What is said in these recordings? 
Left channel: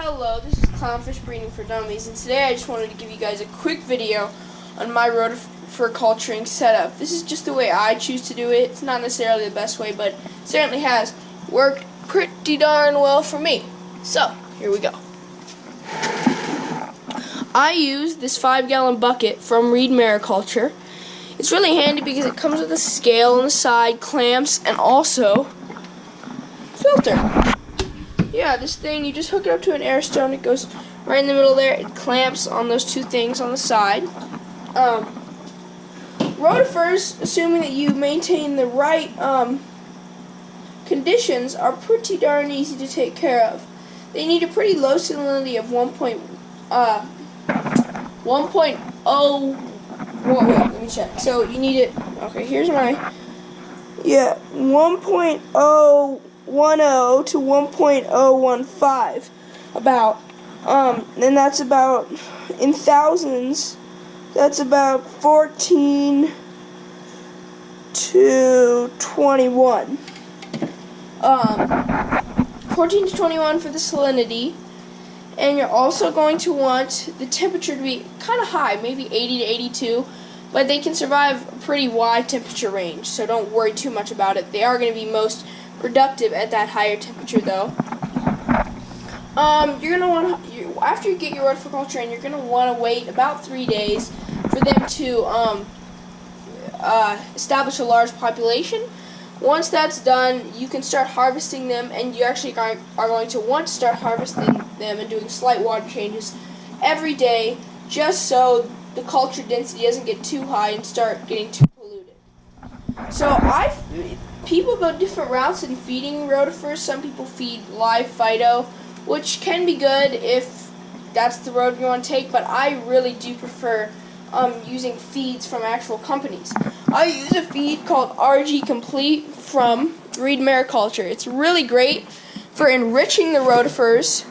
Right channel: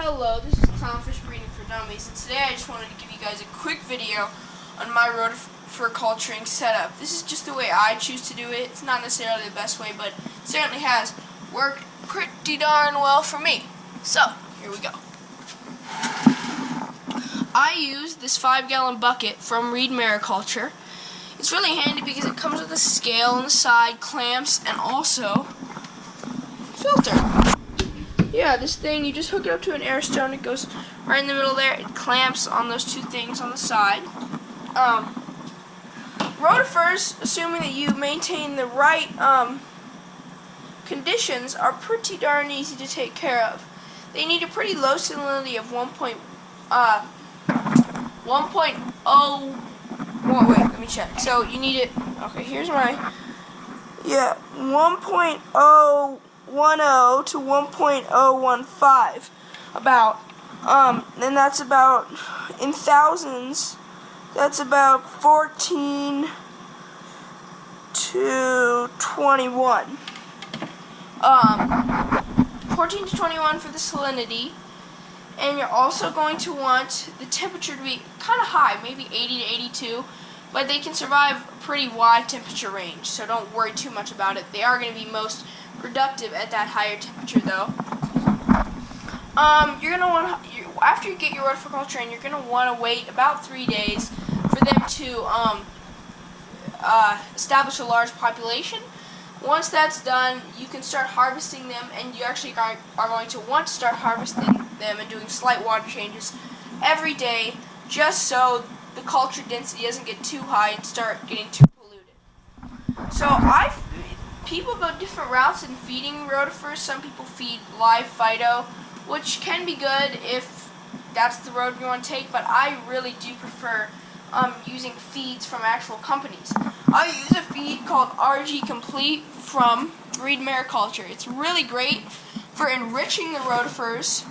Hello, this is Clownfish Breeding for Dummies, and today I just wanted to give you guys a quick video on my Rotifer culturing setup. This is just the way I choose to do it. It's not necessarily the best way, but it certainly has worked pretty darn well for me. So, here we go. I use this 5-gallon bucket from Reed Mariculture. It's really handy because it comes with a scale on the side, clamps, and also filter. Yeah, this thing, you just hook it up to an air stone. It goes right in the middle there. It clamps on those two things on the side. Rotifers, assuming that you maintain the right conditions, are pretty darn easy to take care of. They need a pretty low salinity of 1.0. Wait, let me check. So you need it. Okay, here's my 1.010 to 1.015 about, and that's about, in thousands, that's about 14 to 21. 14 to 21 for the salinity, and you're also going to want the temperature to be kind of high, maybe 80 to 82, but they can survive a pretty wide temperature range, so don't worry too much about it. They are going to be most productive at that higher temperature, though. You're gonna want after you get your Rotifer culture in, you're gonna want to wait about 3 days for them to establish a large population. Once that's done, you can start harvesting them, and you actually are going to want to start harvesting them and doing slight water changes every day, just so the culture density doesn't get too high and start getting too polluted. So people go different routes in feeding rotifers. Some people feed live phyto, which can be good if that's the road you want to take, but I really do prefer using feeds from actual companies. I use a feed called RG Complete from Reed Mariculture. It's really great for enriching the rotifers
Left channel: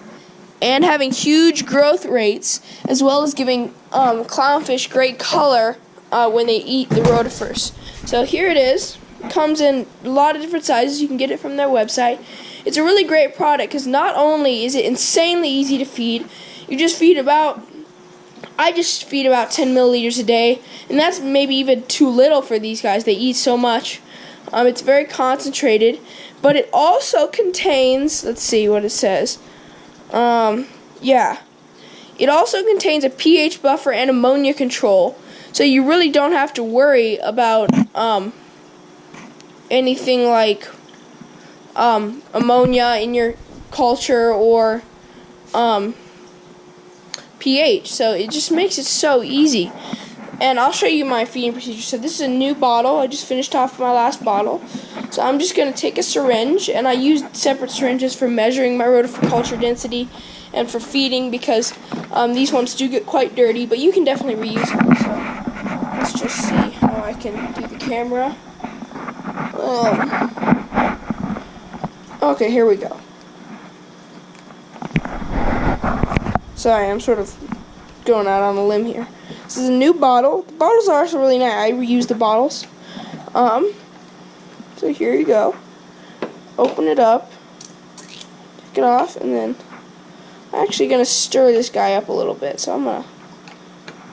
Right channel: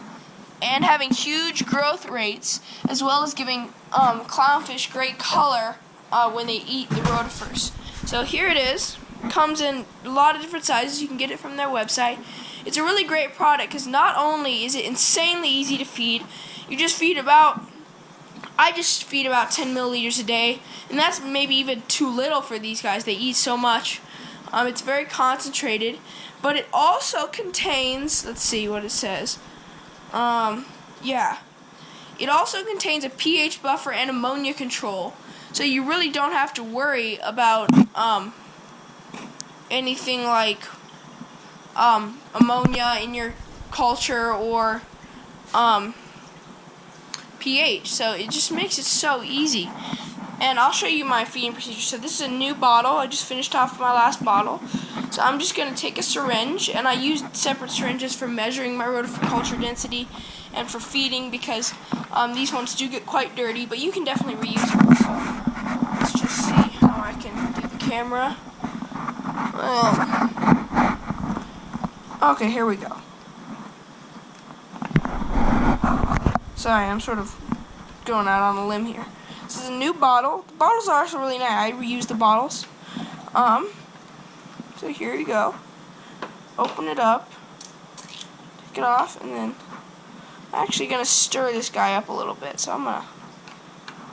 and having huge growth rates, as well as giving clownfish great color when they eat the rotifers. So here it is. Comes in a lot of different sizes. You can get it from their website. It's a really great product because not only is it insanely easy to feed, I just feed about 10 milliliters a day, and that's maybe even too little for these guys. They eat so much. It's very concentrated, but it also contains, let's see what it says. It also contains a pH buffer and ammonia control, so you really don't have to worry about anything like ammonia in your culture or pH. So it just makes it so easy. And I'll show you my feeding procedure. So this is a new bottle. I just finished off my last bottle. So I'm just going to take a syringe, and I use separate syringes for measuring my Rotifer culture density and for feeding, because these ones do get quite dirty, but you can definitely reuse them. So let's just see how I can do the camera. Okay, here we go. Sorry, I'm sort of going out on a limb here. This is a new bottle. The bottles are also really nice. I reuse the bottles. So here you go. Open it up. Take it off, and then I'm actually going to stir this guy up a little bit. So I'm going to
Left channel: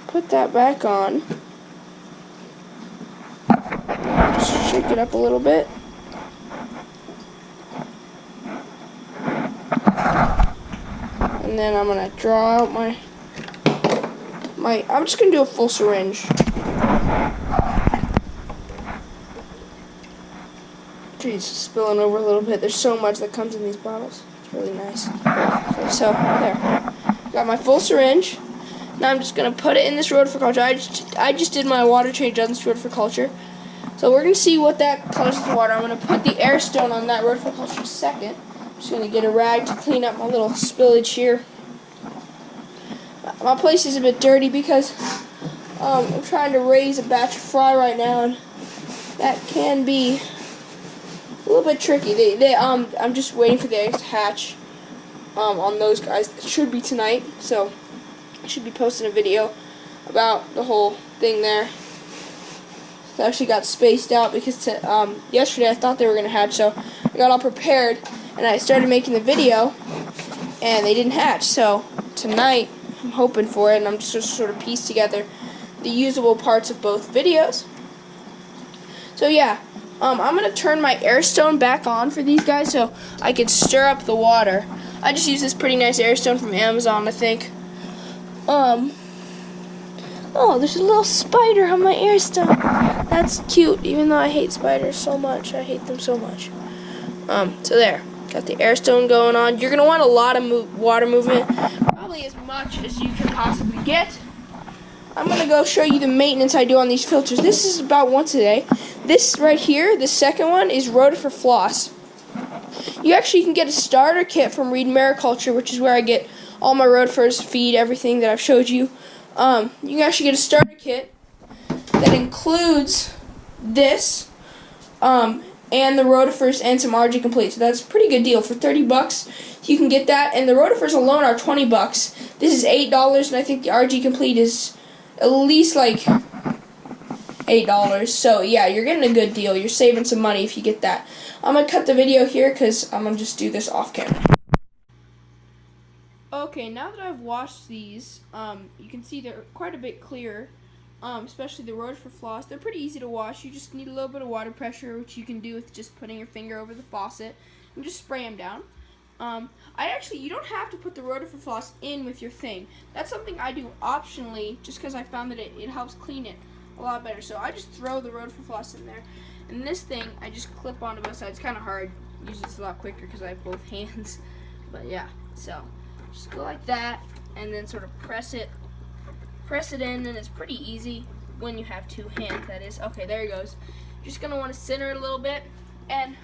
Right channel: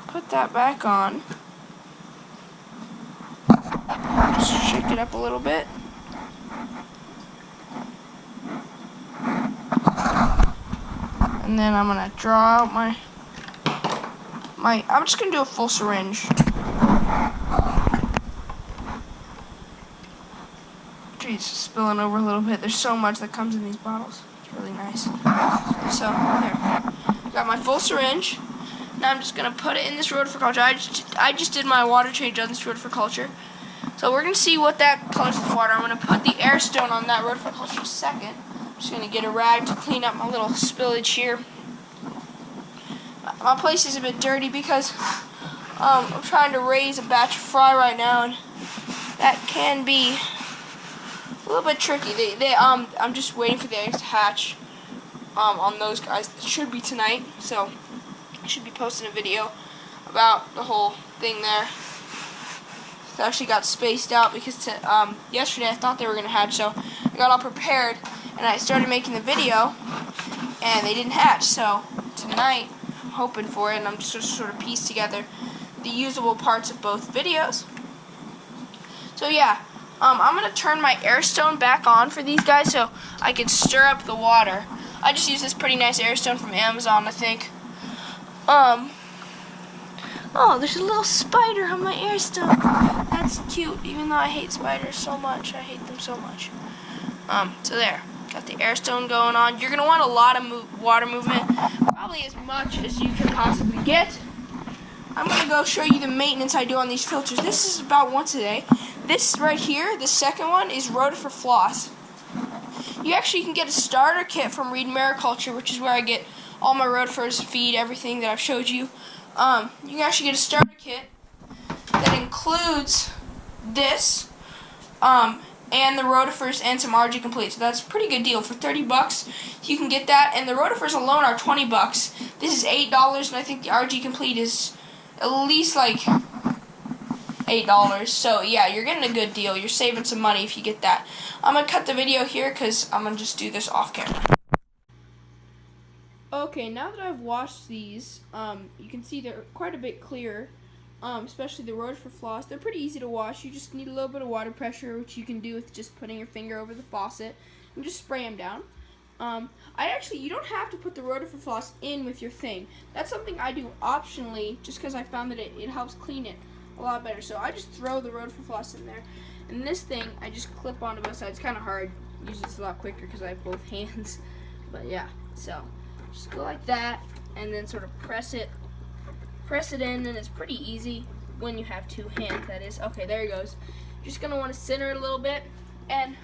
put that back on. Just shake it up a little bit. And then I'm going to draw out I'm just going to do a full syringe. Geez, it's spilling over a little bit. There's so much that comes in these bottles. It's really nice. So there. Got my full syringe. Now I'm just going to put it in this Rotifer culture. I just did my water change on this Rotifer culture. So we're going to see what that colors with the water. I'm going to put the air stone on that Rotifer culture second. I'm just going to get a rag to clean up my little spillage here. My place is a bit dirty because I'm trying to raise a batch of fry right now, and that can be a little bit tricky. I'm just waiting for the eggs to hatch on those guys. It should be tonight, so I should be posting a video about the whole thing there. It actually got spaced out because yesterday I thought they were going to hatch, so I got all prepared and I started making the video, and they didn't hatch. So tonight I'm hoping for it, and I'm just going to sort of piece together the usable parts of both videos. So yeah, I'm going to turn my air stone back on for these guys so I can stir up the water. I just used this pretty nice air stone from Amazon, I think. Oh, there's a little spider on my air stone. That's cute, even though I hate spiders so much. I hate them so much. So there. Got the air stone going on. You're going to want a lot of water movement, probably as much as you can possibly get. I'm going to go show you the maintenance I do on these filters. This is about once a day. This right here, the second one, is Rotifer floss. You actually can get a starter kit from Reed Mariculture, which is where I get all my rotifers, feed, everything that I've showed you. You can actually get a starter kit that includes this, and the rotifers and some RG Complete. So that's a pretty good deal. For $30, you can get that, and the rotifers alone are $20. This is $8, and I think the RG Complete is at least like $8. So yeah, you're getting a good deal. You're saving some money if you get that. I'm gonna cut the video here because I'm gonna just do this off camera. Okay, now that I've washed these, you can see they're quite a bit clearer. Especially the Rotifer floss. They're pretty easy to wash. You just need a little bit of water pressure, which you can do with just putting your finger over the faucet and just spray them down. You don't have to put the Rotifer floss in with your thing. That's something I do optionally, just because I found that it helps clean it a lot better. So I just throw the Rotifer floss in there, and this thing I just clip onto both sides. It's kind of hard. Usually it's a lot quicker because I have both hands. But yeah, so just go like that, and then sort of press it in, and it's pretty easy when you have two hands, that is. Okay, there it goes. You're just going to want to center it a little bit, and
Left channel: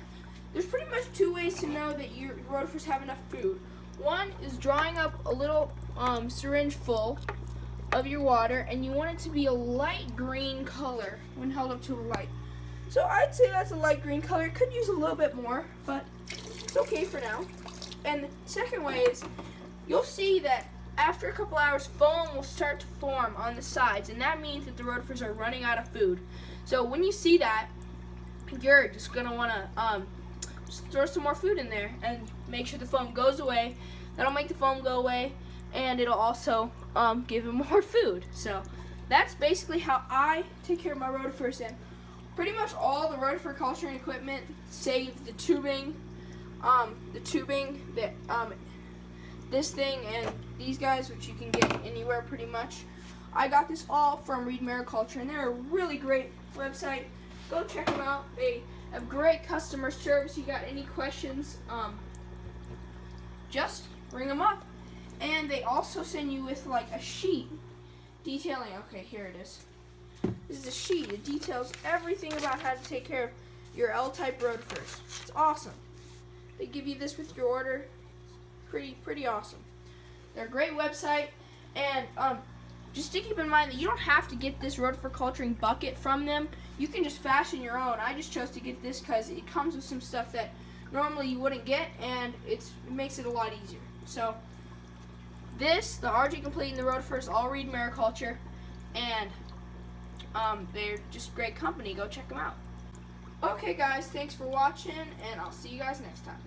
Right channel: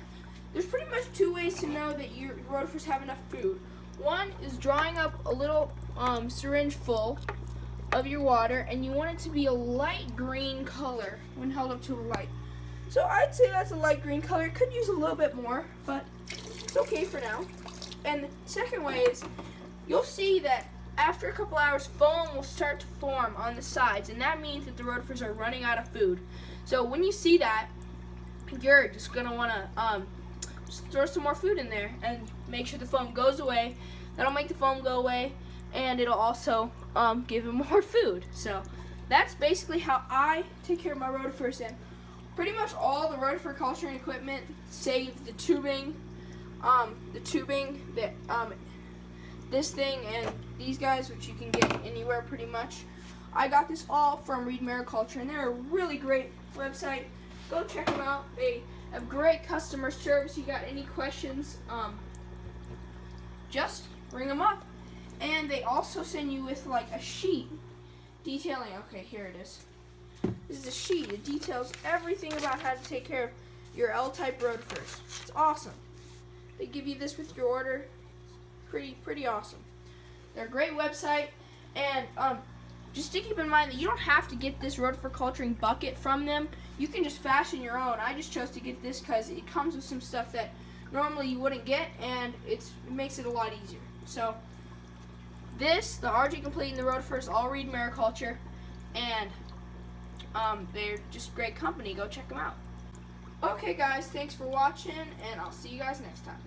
there's pretty much two ways to know that your rotifers have enough food. One is drawing up a little syringe full of your water, and you want it to be a light green color when held up to a light. So I'd say that's a light green color. It could use a little bit more, but it's okay for now. And the second way is you'll see that after a couple hours, foam will start to form on the sides, and that means that the rotifers are running out of food. So when you see that, you're just going to want to just throw some more food in there and make sure the foam goes away. That'll make the foam go away, and it'll also give them more food. So that's basically how I take care of my rotifers. And pretty much all the rotifer culturing equipment, save the tubing, this thing and these guys, which you can get anywhere pretty much. I got this all from Reed Mariculture, and they're a really great website. Go check them out. They have great customer service. You got any questions, just ring them up. And they also send you with like a sheet detailing. Okay, here it is. This is a sheet. It details everything about how to take care of your L-type rotifers. It's awesome. They give you this with your order. Pretty awesome. They're a great website, and just to keep in mind that you don't have to get this rotifer culturing bucket from them. You can just fashion your own. I just chose to get this because it comes with some stuff that normally you wouldn't get, and it makes it a lot easier. So this, the RG Complete and the rotifers, all Reed Mariculture, and they're just great company. Go check them out. Okay guys, thanks for watching, and I'll see you guys next time.